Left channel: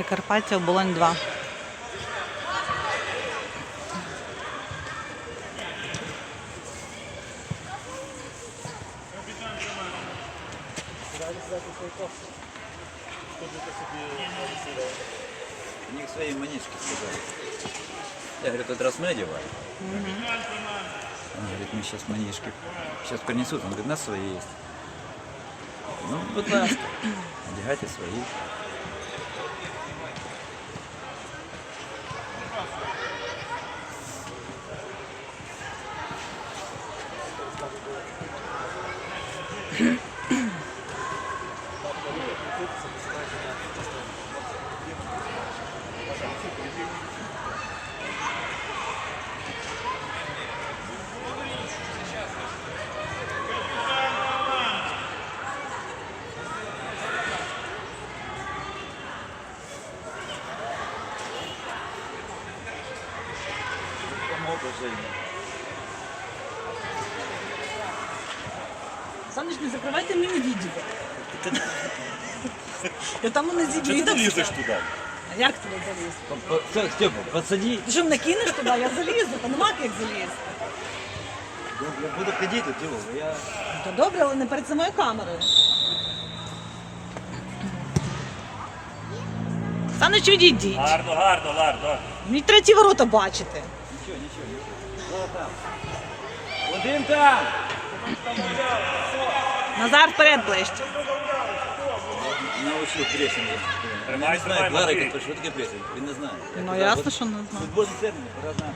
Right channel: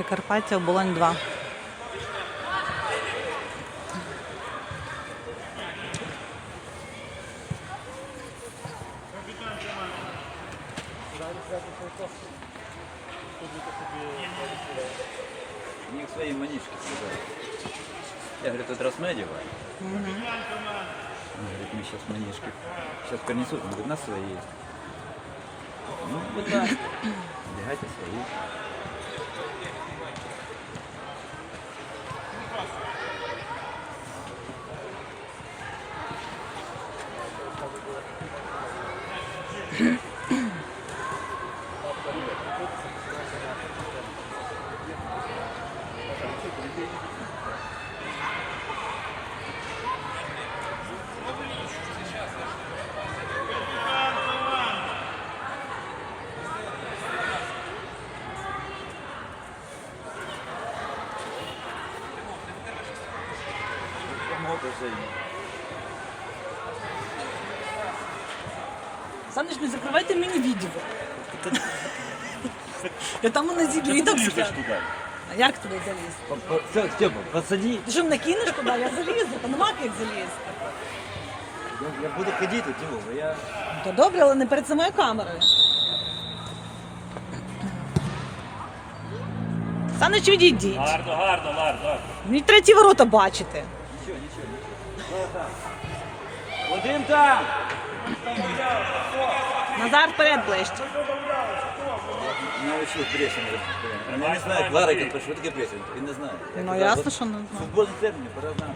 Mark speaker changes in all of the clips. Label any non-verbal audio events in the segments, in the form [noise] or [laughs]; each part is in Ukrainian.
Speaker 1: Прикарпаття оболонь 2.
Speaker 2: У них свои манишки сказали. Я говорю, тут раз мы одеваем. Он говорит, мы сейчас манишки сейчас принесут. Он говорит, у нас свои есть. Ну, вот так. Одягайте свои.
Speaker 3: Саныч, не закрывайте мне видео. Я там на зигі
Speaker 4: Ти
Speaker 3: відео
Speaker 4: лізеш
Speaker 3: все.
Speaker 4: туди.
Speaker 3: А як туди заліз?
Speaker 2: Все, Степа, подсади.
Speaker 3: Ти що мене кинеш туди, я залізу, та нема як залізти.
Speaker 2: Я, я буду ходить тут, Дима, я...
Speaker 3: То добре, але не перед самою камерою. Саныч, відійдіть.
Speaker 4: Гарно, гарно, гарно.
Speaker 3: Мені треті ворота бачити.
Speaker 2: Один там!
Speaker 3: Назар вперед ближче.
Speaker 2: Он не
Speaker 4: знаю,
Speaker 2: Ларик, що таке пресінг? он не знає.
Speaker 1: Ну ясно, що не знаю.
Speaker 2: Футбольний термін, пора знать.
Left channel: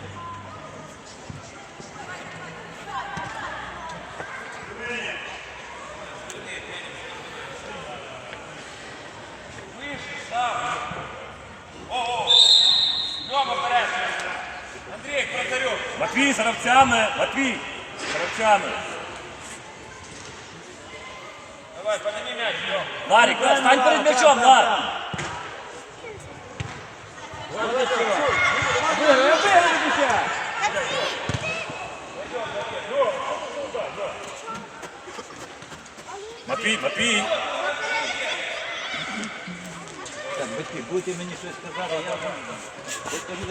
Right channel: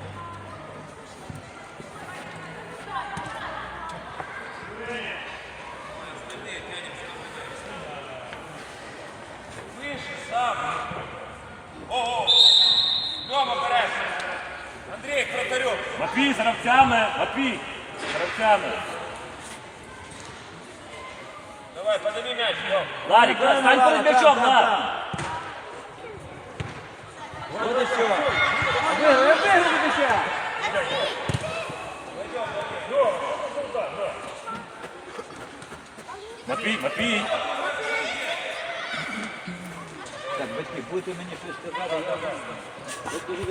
Speaker 4: Матвій з гравцями, Матвій, з. Давай, подними м'яч. Ларик, Ларик, стань перед м'ячом, Лар. Матвій, Матвій.
Speaker 2: Так, батьки, будете мені щось сказати, я вам... Тобто від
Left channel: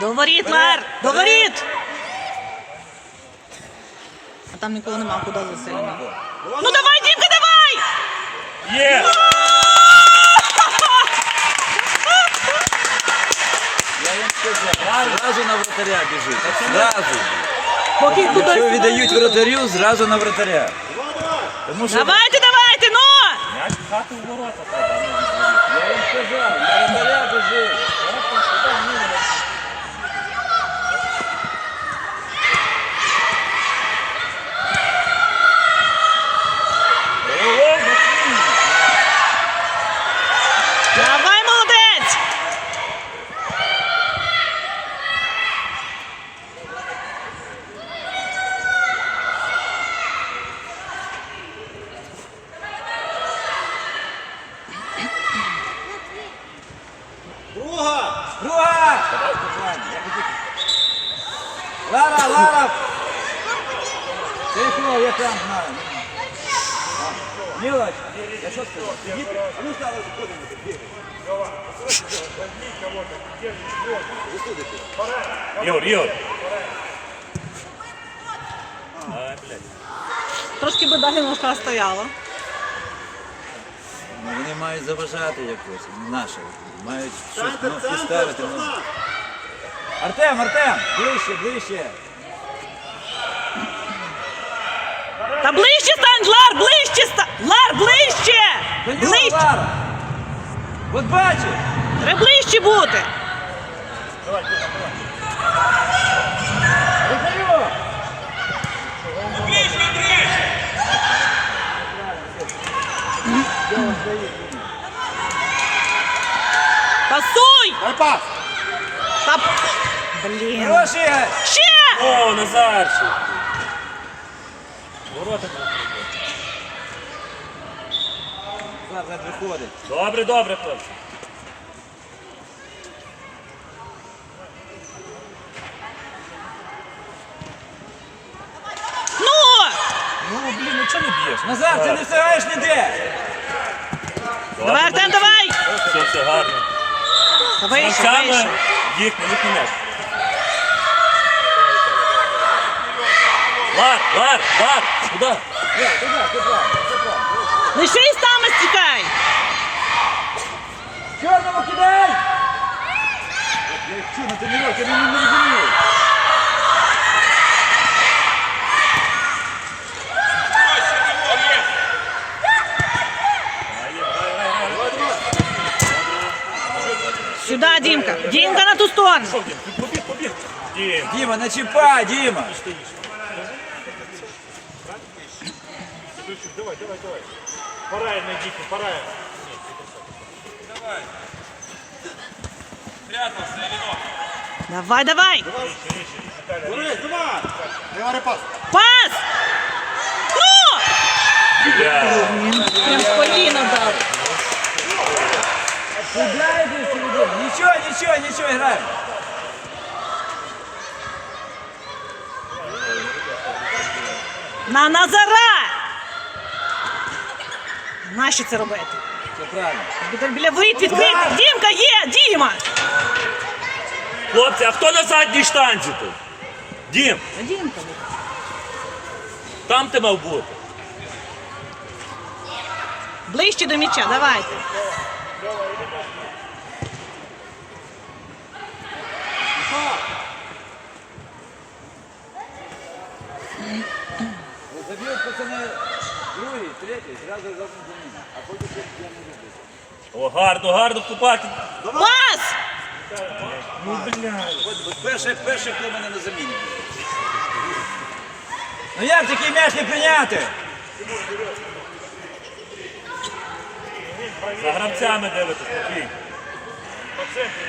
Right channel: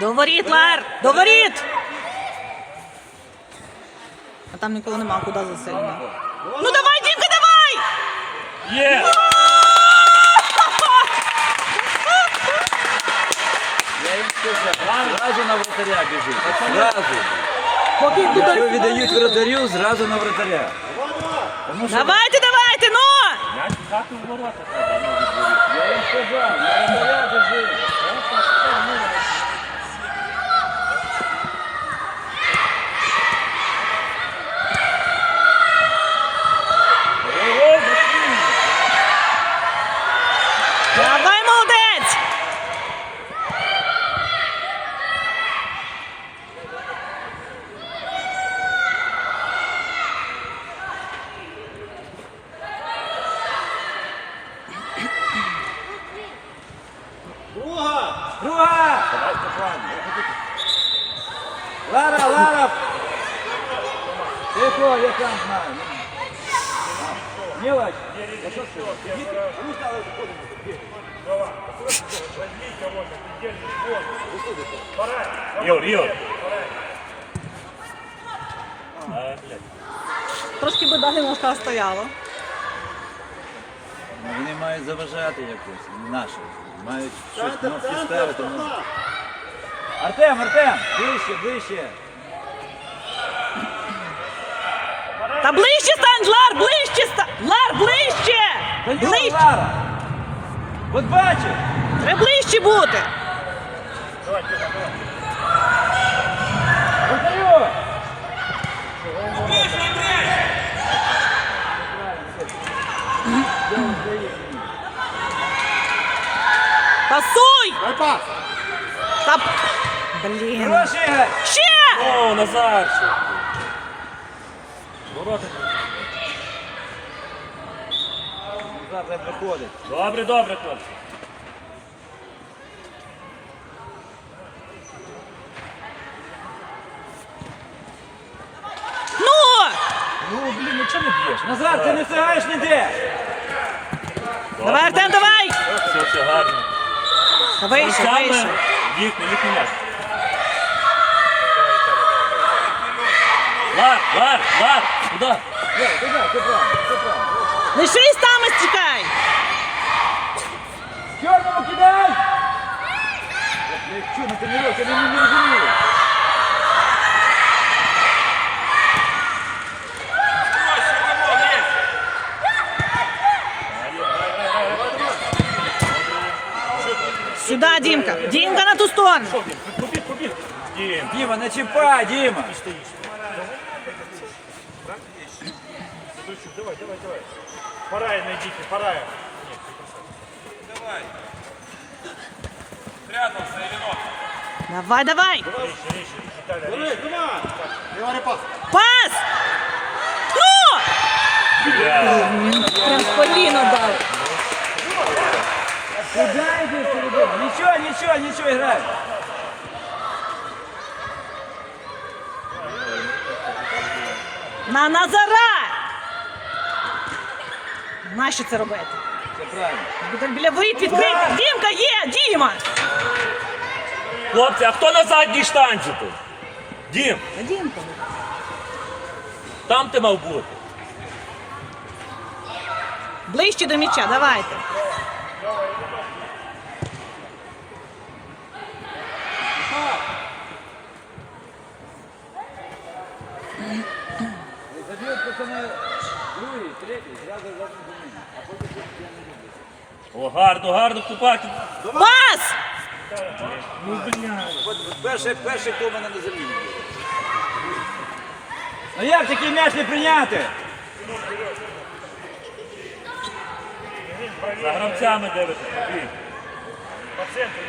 Speaker 3: До воріт, Лар! До воріт!
Speaker 1: А там нікого нема, куди засильно.
Speaker 3: Ну давай, Дімка, давай!
Speaker 4: Є!
Speaker 2: Я вам сказав, зразу на вратаря біжить. Зразу.
Speaker 3: Поки
Speaker 2: Якщо віддають вратарю, зразу на вратаря. Тому що
Speaker 3: Давайте, давайте, ну!
Speaker 4: Ворота.
Speaker 2: я їм сказав, на вратаря біжить.
Speaker 4: О, Матвій.
Speaker 3: Давай, молодець!
Speaker 2: Друга! Лара, Лара! Тихо, я сам знаю. Мілоч, я що сказав? Сидіть, ну стало заходити.
Speaker 4: Ігор, Ігор. А, блядь.
Speaker 1: Трошки би далі стояла.
Speaker 2: Ну, Вони мають заважати якось, наші. Мають щось кнопки ставити. ну. Артем, Артем, ближче, ближче.
Speaker 3: Та ближче стань, Лар, ближче стань! Лар, ближче!
Speaker 2: Ближче.
Speaker 3: Ближче!
Speaker 2: Лара! От бачиш?
Speaker 3: Треба ближче бути!
Speaker 2: Вратарю!
Speaker 3: Пасуй! Та... Блін.
Speaker 2: Хороший Ігор!
Speaker 3: Ще!
Speaker 4: О, Назарчик. Ворота.
Speaker 2: Назад виходить.
Speaker 4: Добре, добре, хлопці.
Speaker 3: Ну!
Speaker 4: Ну, блін, ну чого не б'єш?
Speaker 2: Назар, ти не встигаєш ніде!
Speaker 3: Давай, Артем, давай!
Speaker 4: Все, все гарно.
Speaker 3: Давай,
Speaker 4: Ну,
Speaker 3: ще,
Speaker 4: саме їхній, їхній м'яч. Лар, Лар, Лар, куди?
Speaker 3: Лишись там і стікай!
Speaker 2: Чорному кидай! Ти робиш? Я не не розумію.
Speaker 3: Сюди, Дімка. Дімка на ту сторону.
Speaker 4: Побіг, побіг. Дім.
Speaker 2: Діма, не чіпай, Діма!
Speaker 5: Пора найдите, пора.
Speaker 3: Давай, давай!
Speaker 5: пас.
Speaker 3: Пас! Ну! Прям в коліно дав.
Speaker 2: Куда йди середину? Нічого, нічого, нічого, грай!
Speaker 3: На Назара! Нащо це робити?
Speaker 2: Це правильно.
Speaker 3: Біля- Біля воріт відкрити. Дімка є! Діма!
Speaker 4: Хлопці, а хто на задній штанзі тут? Дім,
Speaker 3: Та Дімка.
Speaker 4: там ти мав бути.
Speaker 3: Ближче до м'яча, давайте.
Speaker 2: Заб'ють пацани другий, третій, зразу заміну. А потім я не люблю.
Speaker 4: О, гарно, гарно вступати.
Speaker 3: Пас!
Speaker 2: От перший, перший, хто мене на заміні. Ну як такий м'яч не прийняти?
Speaker 4: За гравцями дивитись, Матвій.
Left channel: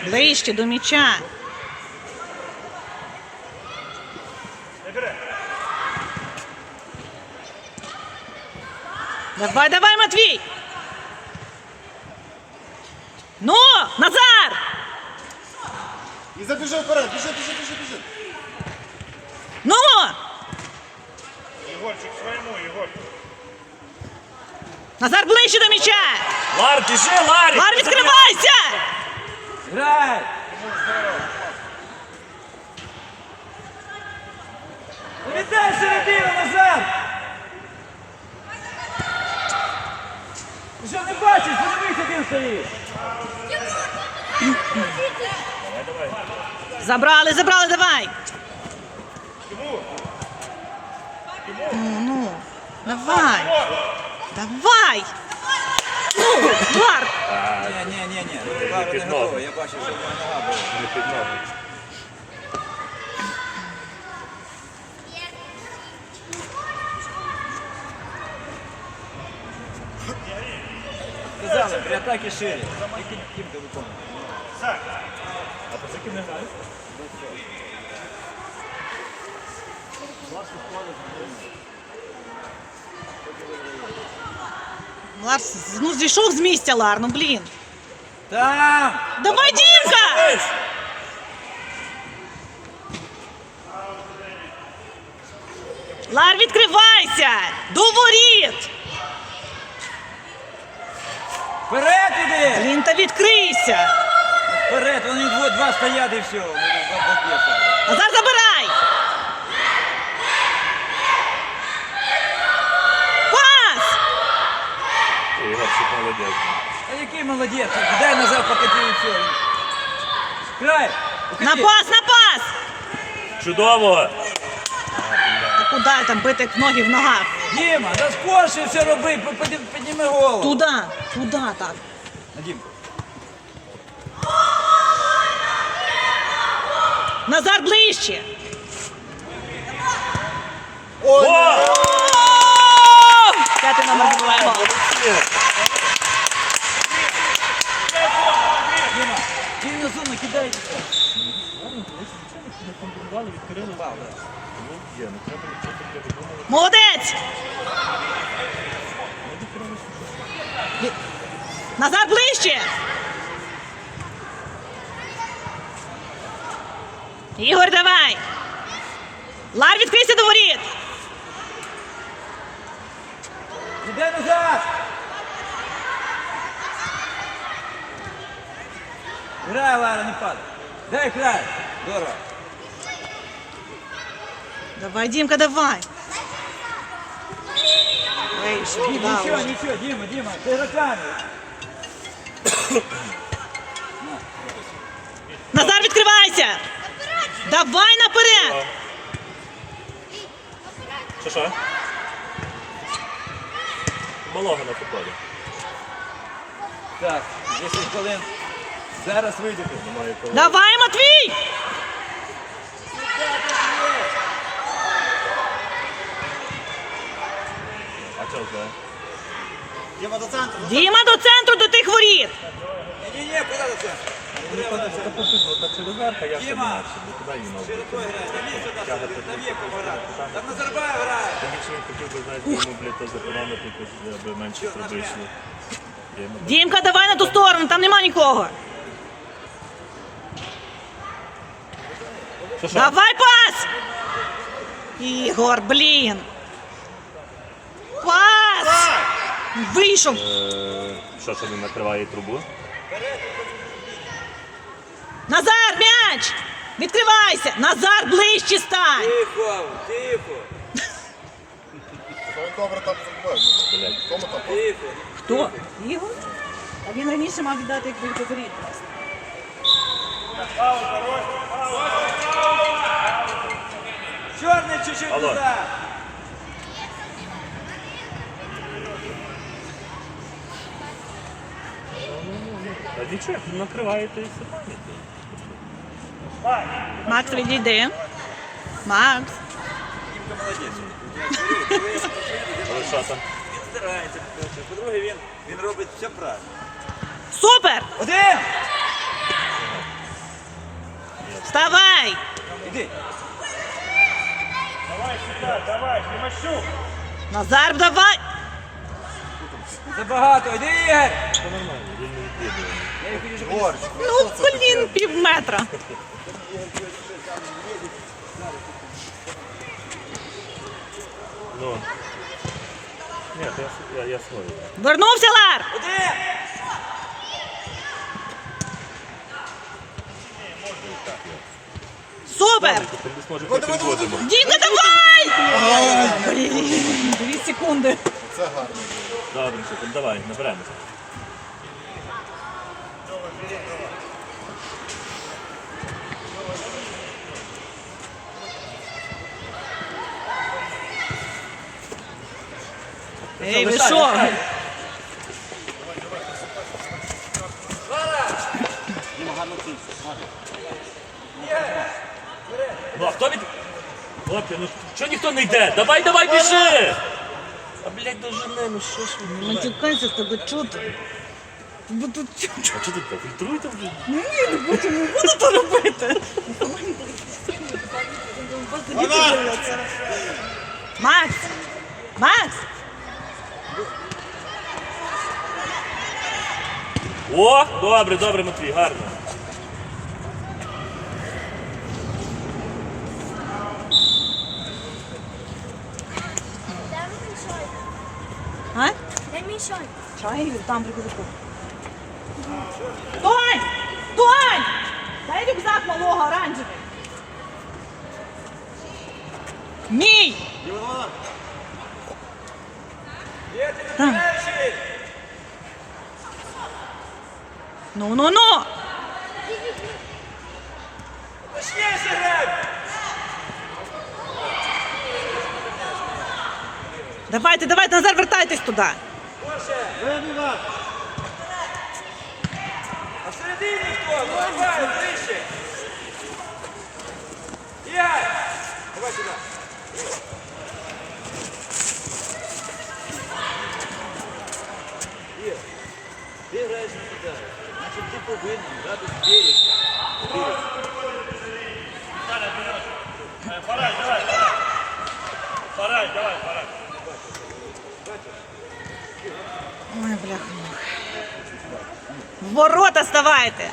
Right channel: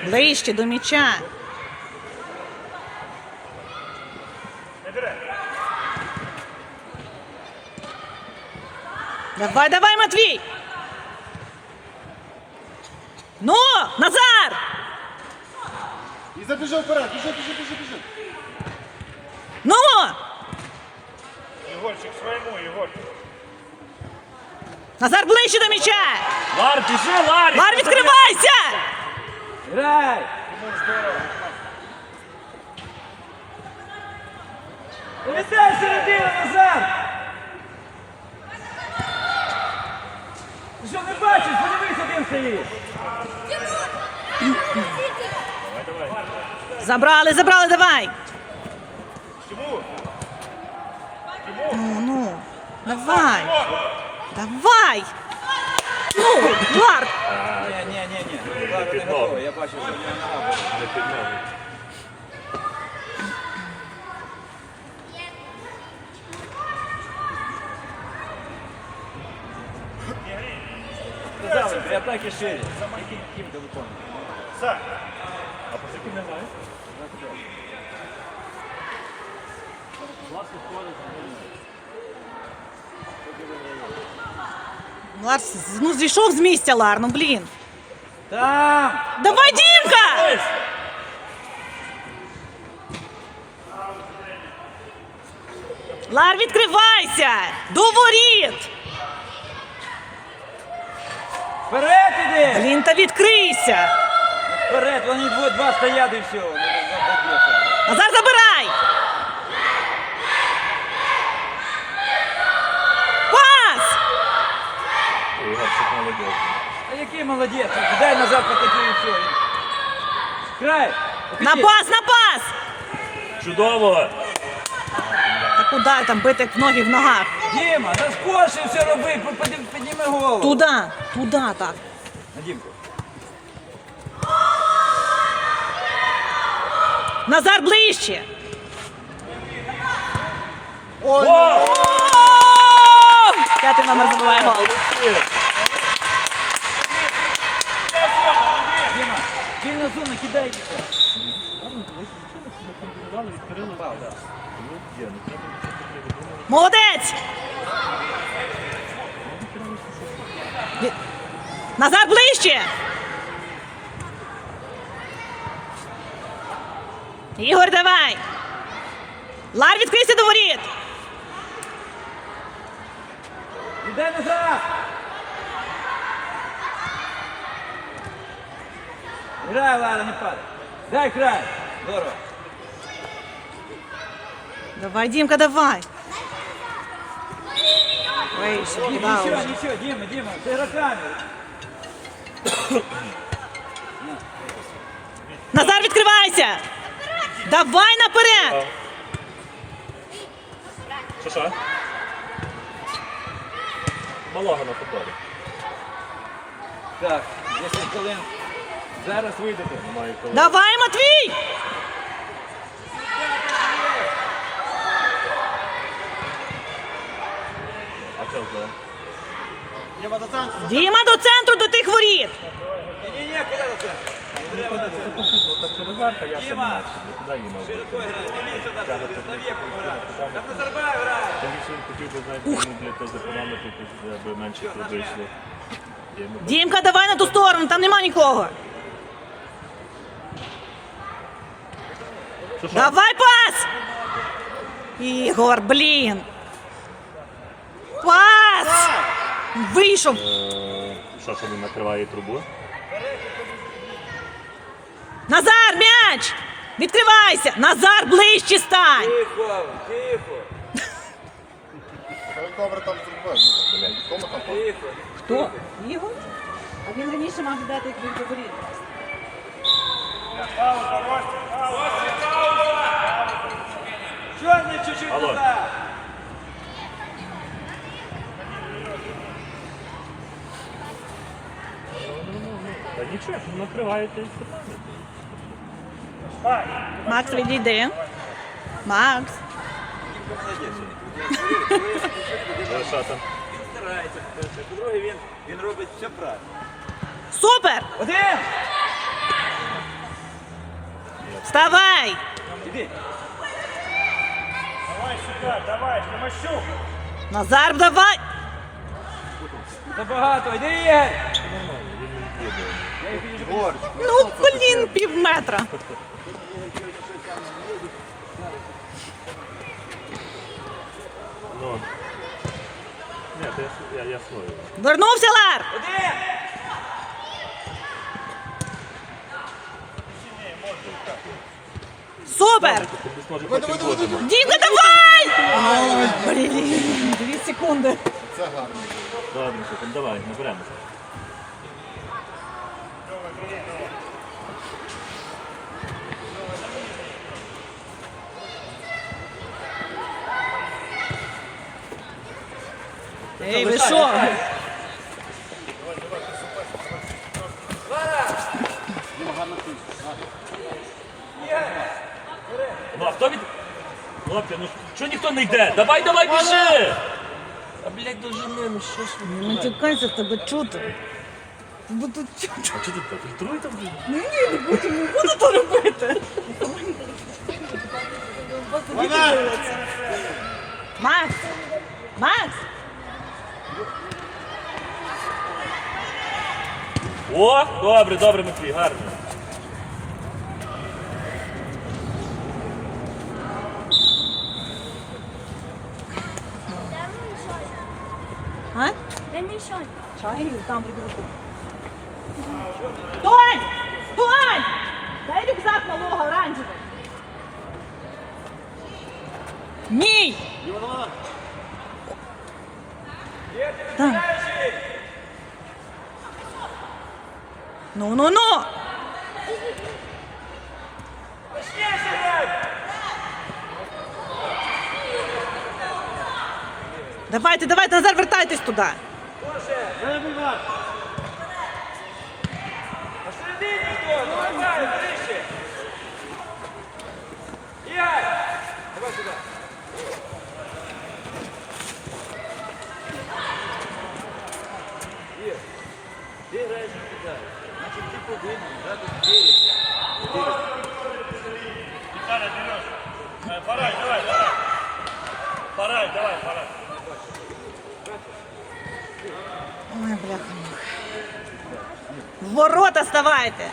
Speaker 3: Ближче до м'яча. Давай, давай, Матвій! Ну, Назар!
Speaker 5: І забіжав вперед, біжи, біжи, біжи, біжи.
Speaker 3: Ну!
Speaker 5: Ігорчик своєму, Ігорчик.
Speaker 3: Назар ближче до м'яча!
Speaker 4: Лар, біжи, Ларі!
Speaker 3: Лар, відкривайся!
Speaker 2: Грай! Віддай середину назад! Ти що не бачиш? Подивися, він стоїть!
Speaker 3: Забрали, забрали, давай! Ну, ну, давай! Давай! Ну, Лар!
Speaker 2: Ні, ні, ні, ні. Не я бачив, що в нього нога була. При атакі шире. Ти виконуєш?
Speaker 3: Лар, ну зійшов з місця, Лар, ну блін.
Speaker 2: Там!
Speaker 3: Давай, Дімка! Лар, відкривайся! До воріт!
Speaker 2: Вперед іди!
Speaker 3: Блін, та відкрийся!
Speaker 2: Вперед, вони два, два стоять і все.
Speaker 3: Назар, забирай! Пас!
Speaker 4: Ігорчик молодець.
Speaker 2: А який молодець? Дай назад покати і все. Край!
Speaker 3: На пас, на пас!
Speaker 4: Чудово.
Speaker 3: Та куди там бити ноги в ногах?
Speaker 2: Діма, да скорше все роби, підніми- підніми голову.
Speaker 3: Туди, туди так.
Speaker 2: На Дімку.
Speaker 3: Назар ближче!
Speaker 4: О!
Speaker 3: О! П'ятий номер забиває гол.
Speaker 2: Діма, зону.
Speaker 3: Молодець! Назар ближче! Ігор, давай! Лар, відкрийся до воріт!
Speaker 2: Іде назад! Грай, Лара, не падай. Дай край. Здорово.
Speaker 1: Давай, Дімка, давай.
Speaker 2: Нічого,
Speaker 1: да, вже.
Speaker 2: нічого, Діма, Діма, ти руками.
Speaker 3: Назар, відкривайся! Давай наперед!
Speaker 4: Що що? Малого на футболі.
Speaker 2: Так, 10 хвилин. Зараз вийдете.
Speaker 3: Давай, Матвій!
Speaker 4: А чого?
Speaker 5: Діма до центру.
Speaker 3: Діма до центру до тих воріт!
Speaker 2: Ні-ні-ні, куди це?
Speaker 4: Через верха я сам не туди їм мав бути.
Speaker 2: Там Назарбаєв грає.
Speaker 4: Тому що він хотів би знаєте, йому, блядь, то запомнити, аби менше сюди йшли. Йому
Speaker 3: Дімка, давай на ту сторону, там нема нікого.
Speaker 4: Що, що?
Speaker 3: Давай пас! Ігор, блін! Пас! Вийшов!
Speaker 4: Е, Що, що він накриває трубу?
Speaker 3: Назар, м'яч! Відкривайся! Назар, ближче стань!
Speaker 2: Тихо, тихо,
Speaker 5: добре там зробив. Кому там
Speaker 2: тихо.
Speaker 3: Хто? Ігор? А він раніше мав віддати як від
Speaker 4: Алло. Та нічого, накриваєте і все.
Speaker 1: Макс, відійди. Макс.
Speaker 4: Що там?
Speaker 2: Він старається. По-друге, він, він робить все правильно.
Speaker 3: Супер!
Speaker 2: Один!
Speaker 3: Вставай!
Speaker 2: Іди.
Speaker 3: Назар, давай!
Speaker 2: Забагато, іди, Ігор!
Speaker 1: Ну, блін, пів метра.
Speaker 4: Ну. Ні, я, я, я свою.
Speaker 3: Вернувся Лар!
Speaker 2: Один!
Speaker 3: Супер!
Speaker 4: Тобі
Speaker 5: Давай,
Speaker 1: Дві секунди.
Speaker 5: Це гарно.
Speaker 4: Добре, давай, наберемося.
Speaker 1: Ей, ви що?
Speaker 4: Чого ніхто не йде? Давай, давай, біжи! А блядь, дожени, ну що ж ви?
Speaker 1: Не тікайся, тебе чути. Бо тут чути.
Speaker 4: А чого тут так? Фільтруйте, блядь.
Speaker 1: Ну ні, не буду, не буду то робити. Макс! Макс!
Speaker 4: О, добре, добре, Матвій, гарно.
Speaker 6: Дай мішай.
Speaker 1: Шайгів, там прибіжку.
Speaker 3: Тонь! Тонь! Дай рюкзак малого оранжевий. Мій!
Speaker 1: Там. Ну, ну, ну! Давайте, давайте, Назар, вертайтесь туди. Ой, бляха. В ворота ставайте.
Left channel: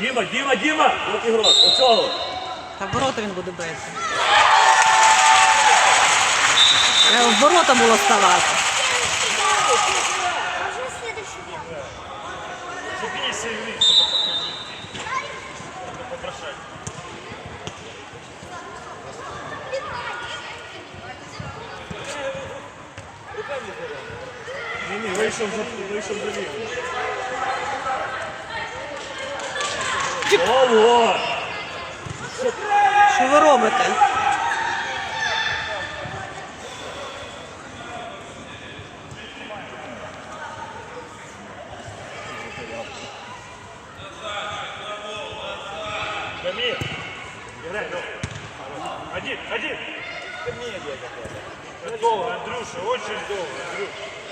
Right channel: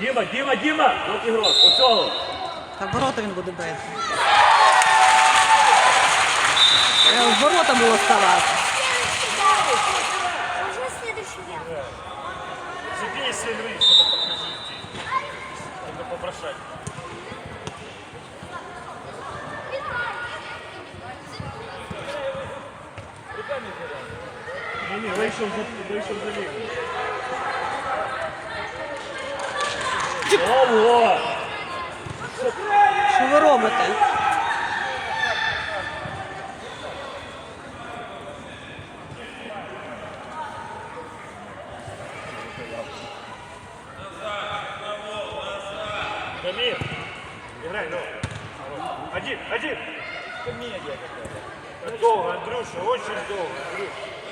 Speaker 4: Діма, Діма, Діма! От ігрок, оцього.
Speaker 1: Та в ворота він буде бити.
Speaker 3: В ворота було ставати.
Speaker 4: Ні, ні, вийшов за вийшов за лігу. Ого!
Speaker 3: Що ви робите?
Speaker 4: Дамир! Играй, давай. Один, один! Долго, Андрюша, очень долго, Андрюша.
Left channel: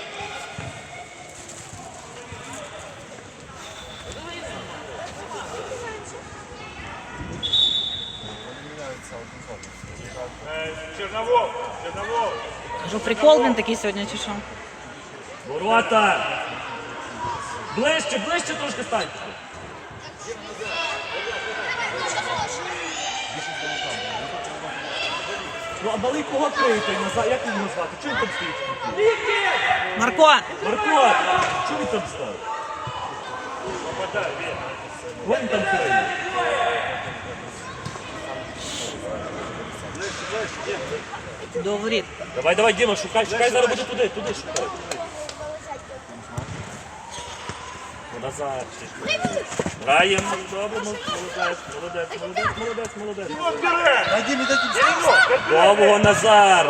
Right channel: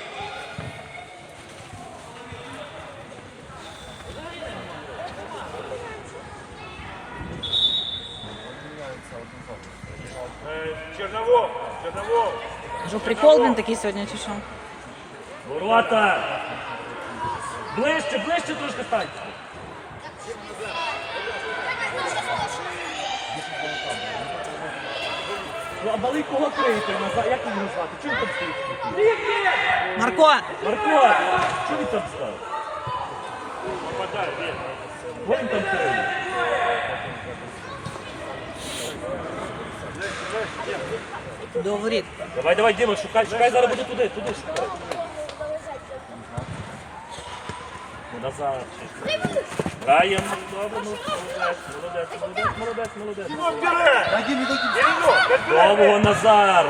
Speaker 3: Що прикол він такий сьогодні чи що?
Speaker 4: Ворота! Ближче, ближче трошки стань. Ну, а малий кого криєте? Назад? Як його звати? Чим там стоїть?
Speaker 3: Марко,
Speaker 4: Марко! Чого він там став? Вон він там криє.
Speaker 3: До воріт.
Speaker 4: Давай, давай, Діма, шукай, шукай, зараз буде туди, туди шукай. Назад. Граємо, добре, ну, молодець, молодець, молодець, молодець, молодець.
Speaker 5: Дай мені, дай мені.
Speaker 4: Довго Назар.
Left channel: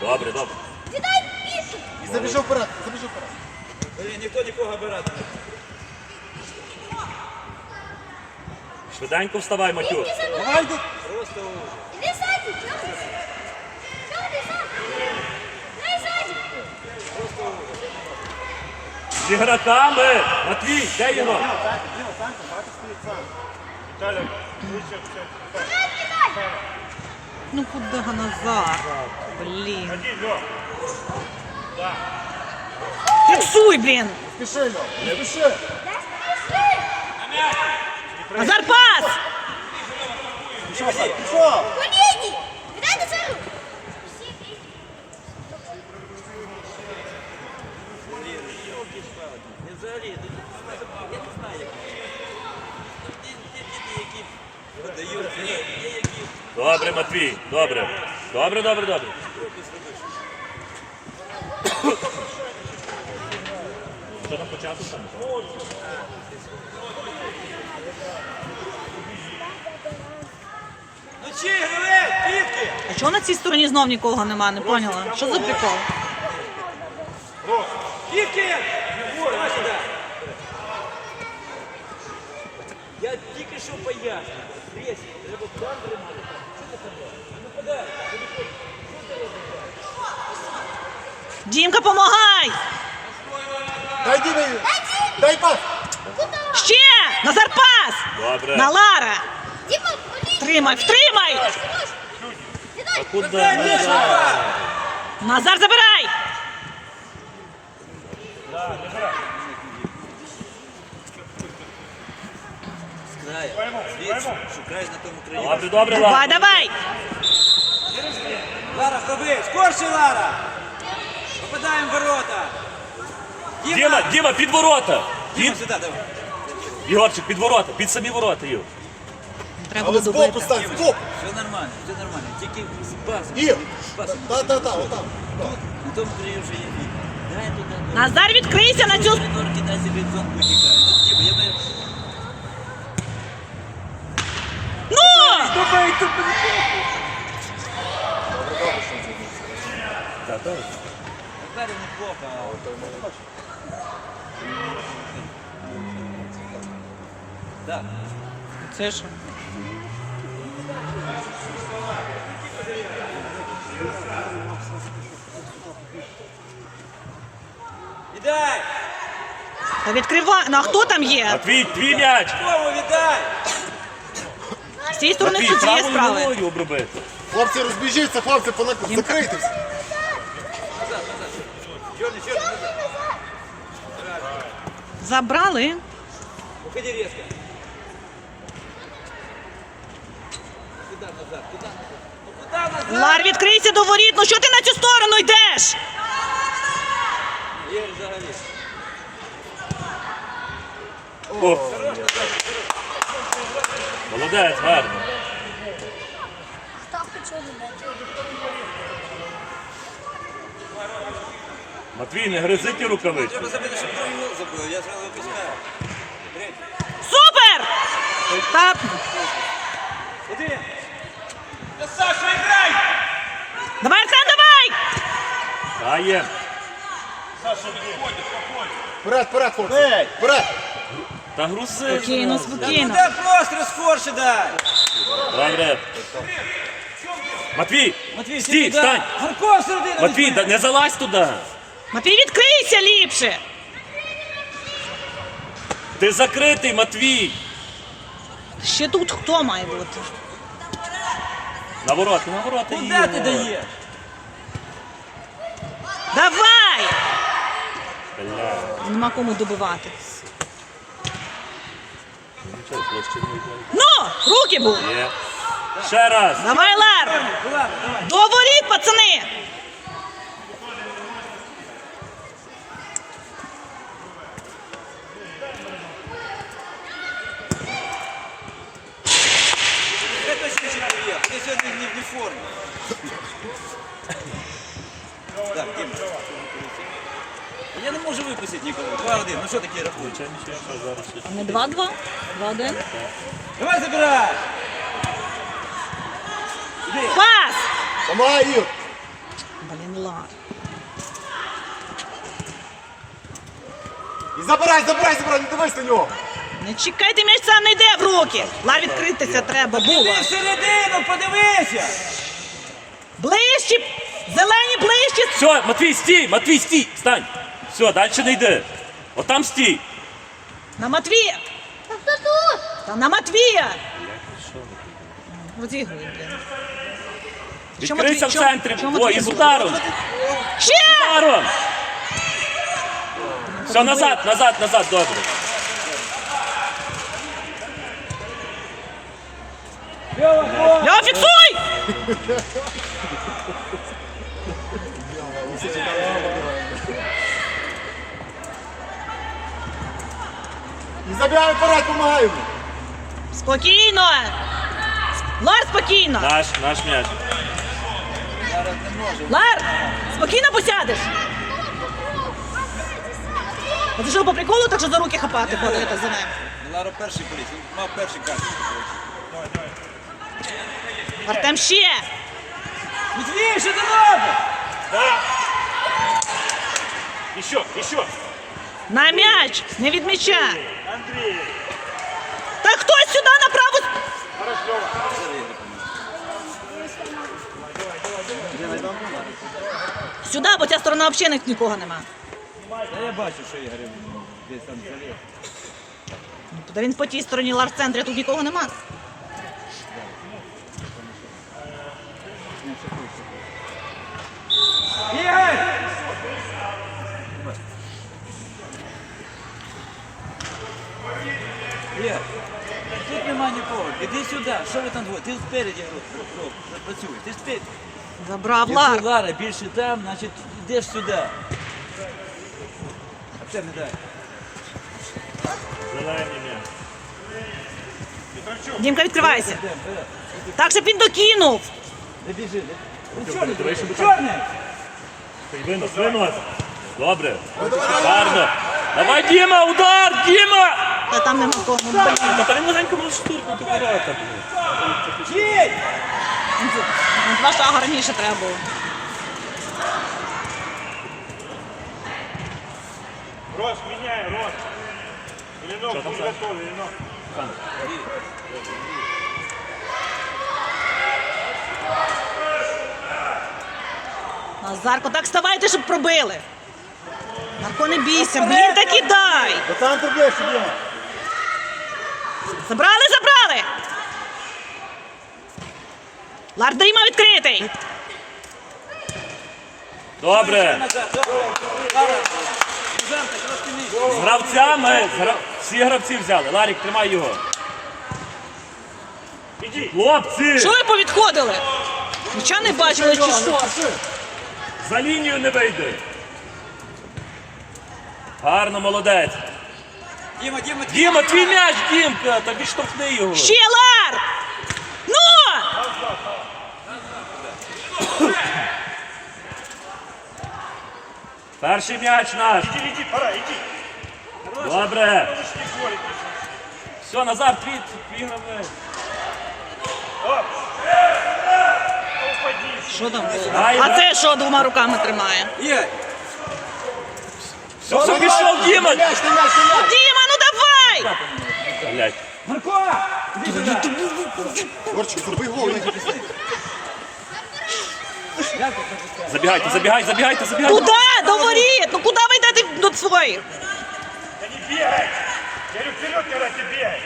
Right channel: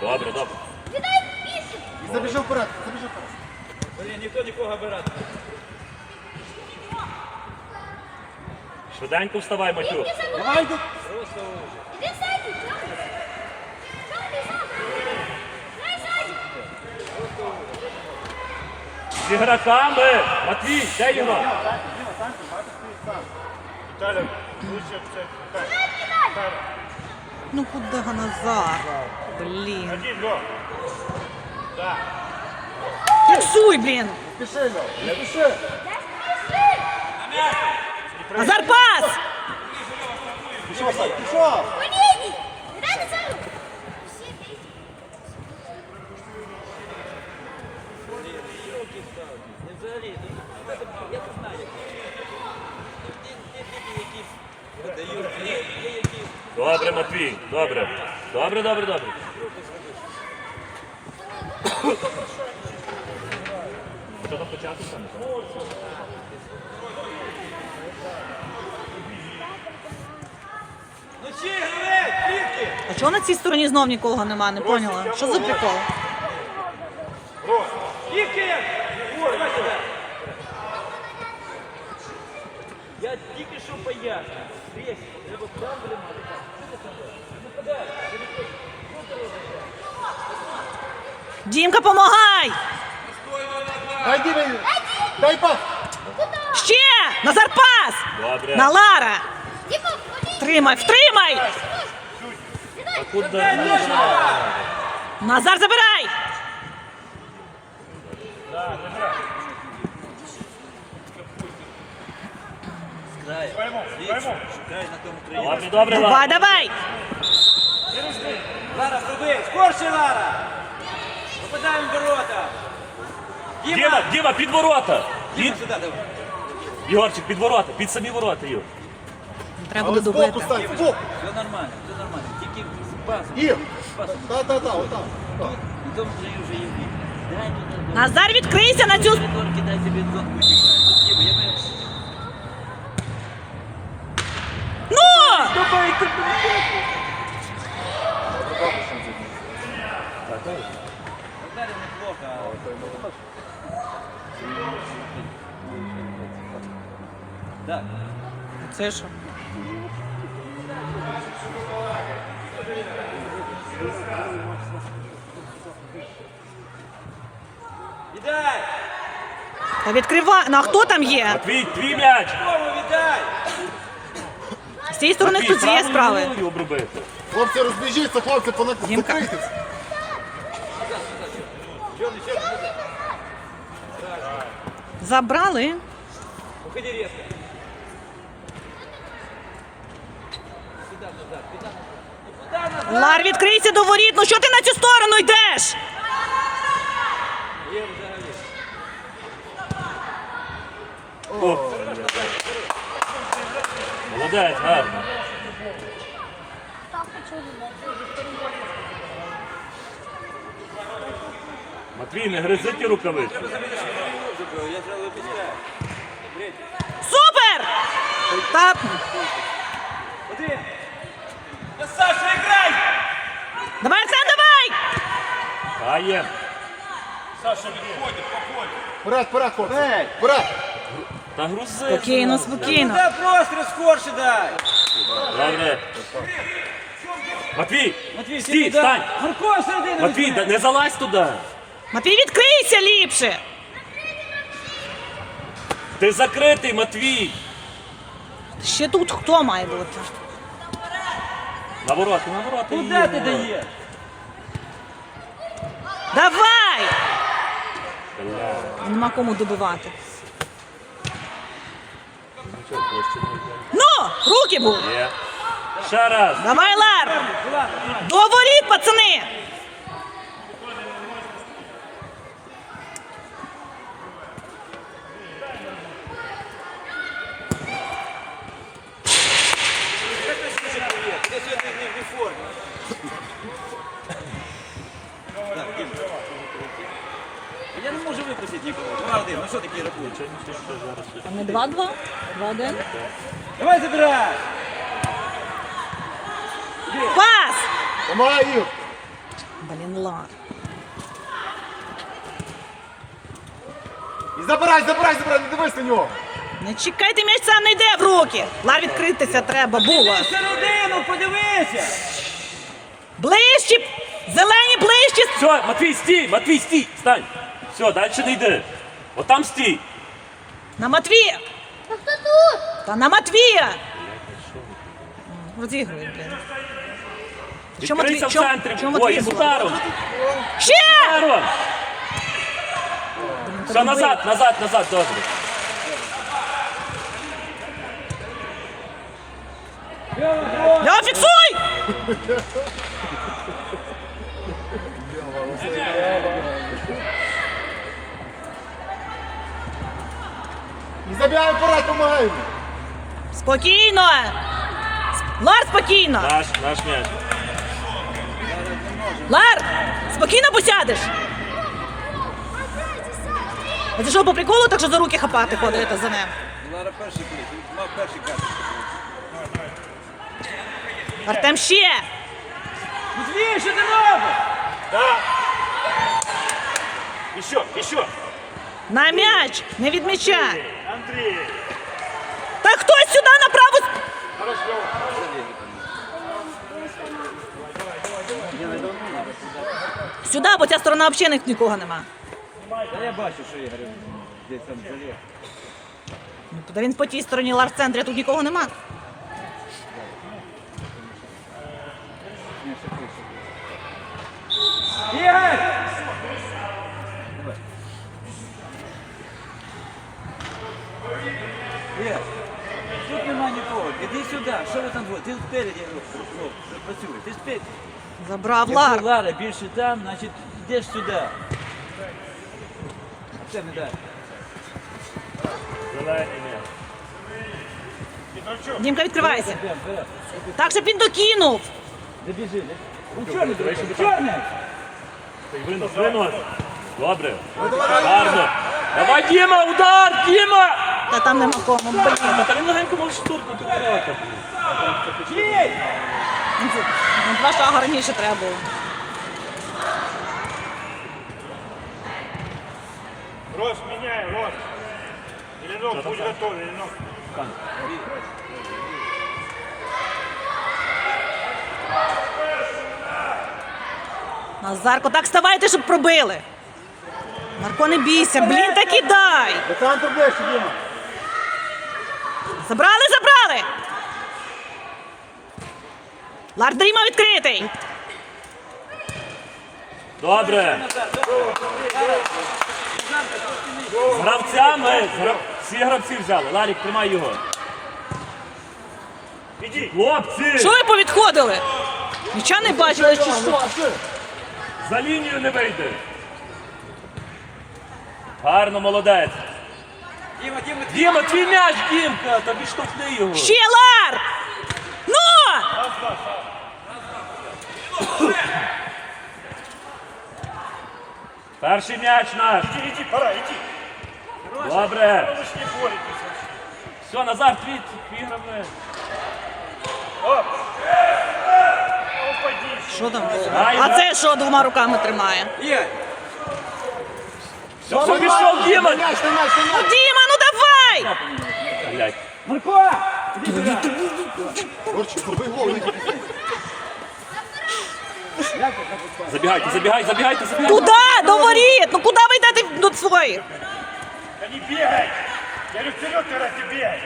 Speaker 4: Добре, добре.
Speaker 5: І забіжи вперед, забіжи вперед.
Speaker 2: Блін, ніхто нікого обирати.
Speaker 4: Швиденько вставай, Матюк.
Speaker 5: Давай, йди.
Speaker 6: Иди сзади, чё ты? Чё ты сзади? Дай сзади.
Speaker 4: З ігроками. Матвій, де його?
Speaker 3: Ну куди Назар? Блін. Фіксуй, блін!
Speaker 5: Спіши, Льо, не спіши.
Speaker 3: Назар пас!
Speaker 4: Добре, Матвій, добре. Добре, добре, добре. Що там почати?
Speaker 2: Ну чи гравець, тільки!
Speaker 3: А чого на цій стороні знов нікого нема? Не поняла. Що за прикол?
Speaker 2: Тільки! Я тільки що поясню. Дивись, треба там тримати. Що ти подаєш?
Speaker 3: Дімка, помагай!
Speaker 5: Дай Дімі. Дай пас.
Speaker 3: Ще! Назар пас!
Speaker 4: Добре.
Speaker 3: На Лара!
Speaker 6: Дима, колени!
Speaker 3: Тримай, втримай!
Speaker 4: А куди?
Speaker 3: Назар забирай!
Speaker 2: Край, звідси, шукай на тому краї.
Speaker 4: Добре, добре,
Speaker 3: Давай,
Speaker 4: Лара.
Speaker 3: давай!
Speaker 2: Лара, хоби, скорше, Лара! Попадаємо в ворота!
Speaker 4: Діма, Діма, під ворота.
Speaker 2: Діма,
Speaker 4: Під...
Speaker 2: сюди, давай.
Speaker 4: Ігорчик, під ворота, під самі ворота, Юр.
Speaker 3: Треба
Speaker 5: Але збоку
Speaker 3: добити.
Speaker 5: стань, збоку.
Speaker 2: Все нормально, все нормально. Тільки з пасом.
Speaker 5: І.
Speaker 2: З пасом.
Speaker 5: Та, та, та, отам.
Speaker 2: Тут, на тому краї вже є вік. Дай туди.
Speaker 3: Назар, відкрийся на цю...
Speaker 2: Придурки, дай собі зонку тікає. Тут Діма, я би...
Speaker 3: Ну!
Speaker 2: Так.
Speaker 3: Це що? Та відкривай. Ну а хто там є?
Speaker 4: Матвій, твій м'яч.
Speaker 3: З цієї сторони
Speaker 4: Матвій,
Speaker 3: хтось є
Speaker 4: правою
Speaker 3: справи.
Speaker 4: ногою обробити.
Speaker 5: Хлопці, розбіжіться, хлопці, понак... Закрийтесь.
Speaker 3: Забрали.
Speaker 2: уходи резко.
Speaker 3: Лар, відкрийся до воріт. Ну що ти на цю сторону йдеш?
Speaker 4: О. Молодець, гарно. Матвій, не гризи ті рукавички.
Speaker 2: Я зразу випускаю.
Speaker 3: Супер! Та... Давай, Арсен, давай!
Speaker 4: Дає.
Speaker 5: Вперед, вперед, хлопці. Вперед.
Speaker 4: Та грузи.
Speaker 3: Спокійно, спокійно.
Speaker 2: Та просто скорше дай.
Speaker 4: Добре. Матвій,
Speaker 2: Матвій,
Speaker 4: стій,
Speaker 2: туди.
Speaker 4: встань.
Speaker 2: Гурко всередину.
Speaker 4: Матвій, да- не залазь туди.
Speaker 3: Матвій, відкрийся ліпше.
Speaker 4: Ти закритий, Матвій.
Speaker 3: Ще тут хто має бути?
Speaker 4: На ворота, на ворота.
Speaker 2: Куди ти даєш?
Speaker 3: Давай!
Speaker 4: Бля.
Speaker 3: Нема кому добивати. Ну, руки
Speaker 4: були! Ще раз.
Speaker 3: Давай, Лар! До воріт, пацани!
Speaker 2: Это ще привет. Ти сьогодні не в формі. Так, Дім. Не нікого. 2-1. Ну що таке рахунок?
Speaker 3: А не 2-2? 2-1?
Speaker 2: Давай забирай.
Speaker 3: Пас!
Speaker 5: Помагай.
Speaker 3: Блін, Лар.
Speaker 5: І забирай, забирай, забирай, не дивись на нього.
Speaker 3: Не чекайте, м'яч сам не йде в руки. Лар, відкритися треба, було.
Speaker 2: Ти всередину, подивися.
Speaker 3: Ближче! Зелені ближче!
Speaker 4: Все, Матвій, стій, Матвій, стій, стань. Все, далі не йди. Отам стій.
Speaker 3: На Матвія!
Speaker 6: А хто тут?
Speaker 3: Та на Матвія! Розігрує, блін. Що,
Speaker 4: Відкрийся в
Speaker 3: Матвій, що-
Speaker 4: центрі.
Speaker 3: що
Speaker 4: Ой,
Speaker 3: Матвій
Speaker 4: із
Speaker 3: зробив?
Speaker 4: ударом.
Speaker 3: Ще!
Speaker 4: Ударом. Все, назад, назад, назад, добре.
Speaker 3: Льо, фіксуй! [laughs]
Speaker 5: забігай вперед, помагай йому.
Speaker 3: Спокійно! Лар, спокійно!
Speaker 4: Наш, наш м'яч.
Speaker 3: Лар! Спокійно посядеш! А ти що, по приколу так що за руки хапати ходите за ним?
Speaker 2: Лара перший поліс. Мав перший карту.
Speaker 3: Артем ще!
Speaker 2: Матвій, що ти робиш?
Speaker 4: І що, і?
Speaker 3: На м'яч! Не від м'яча! Та хтось сюди направо! Сюди, бо ця сторона взагалі нікого нема.
Speaker 2: Та я бачу, що Ігор десь там заліз.
Speaker 3: Ну, Та він по тій стороні лар центрі, тут нікого нема.
Speaker 2: Ігор, Іди сюди. Що ви там двоє? Ти спереді ну, працюй. Ти спереді.
Speaker 3: Забрав
Speaker 2: Якщо
Speaker 3: лар.
Speaker 2: Лара більше там, значить йдеш сюди. А це не дай.
Speaker 4: Зелений м'яч.
Speaker 3: Дімка, відкривайся.
Speaker 2: Йдем, вперед.
Speaker 3: Так, щоб він докинув.
Speaker 2: Не біжи. не- Ну чорний, дивись, чорний!
Speaker 4: Винос, винос. Добре. Гарно. Давай, Діма, удар, Діма!
Speaker 3: Та там нема кому. Блін.
Speaker 4: Та та він легенько може штурхнути ворота.
Speaker 3: Два шага раніше треба було.
Speaker 7: Рос, меняй, Рос. Ленок, будь готов, Ленок.
Speaker 3: Назарко, так вставайте, щоб пробили. Марко, не бійся, блін, так і дай.
Speaker 5: До центру ближче, Діма.
Speaker 3: Забрали, забрали. Лар Дріма відкритий.
Speaker 4: Добре. З гравцями, з гра- всі гравці взяли. Ларік, тримай його. Хлопці!
Speaker 3: Що ви повідходили? Нічого не бачили чи що?
Speaker 4: За лінію не вийде. Гарно, молодець.
Speaker 2: Діма, Діма,
Speaker 4: Діма, твій м'яч, Дімка, та відштовхни його.
Speaker 3: Ще лар! Ну!
Speaker 4: Перший м'яч наш.
Speaker 7: Іди, іди, пора, іди.
Speaker 4: Добре. Все, Назар, твій, твій.
Speaker 3: Що там було? А це що двома руками тримає?
Speaker 2: Є.
Speaker 4: Все, все, пішов, Діма.
Speaker 3: Діма, давай!
Speaker 4: Блядь.
Speaker 5: Горчик, зроби гол.
Speaker 4: Забігайте, забігайте, забігайте, забігайте.
Speaker 3: Куда? До воріт! Ну куди ви йдете до своїх?
Speaker 7: Да не бегай. Я говорю, вперед, когда ты.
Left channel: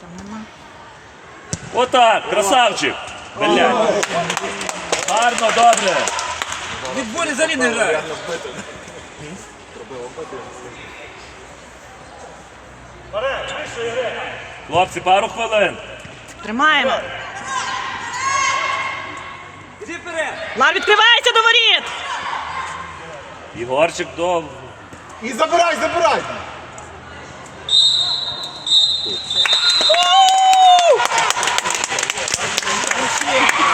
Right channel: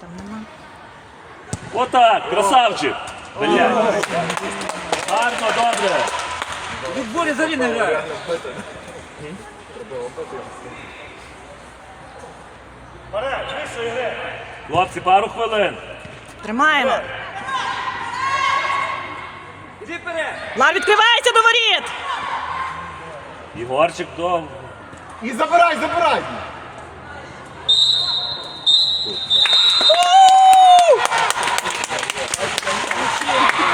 Speaker 3: Там нема.
Speaker 4: Отак, красавчик. Блядь. Гарно, добре.
Speaker 2: Відборі взагалі не грає.
Speaker 4: Хлопці, пару хвилин.
Speaker 3: Тримаємо. Лар відкривається до воріт!
Speaker 4: Ігорчик до.
Speaker 5: І забирай, забирай.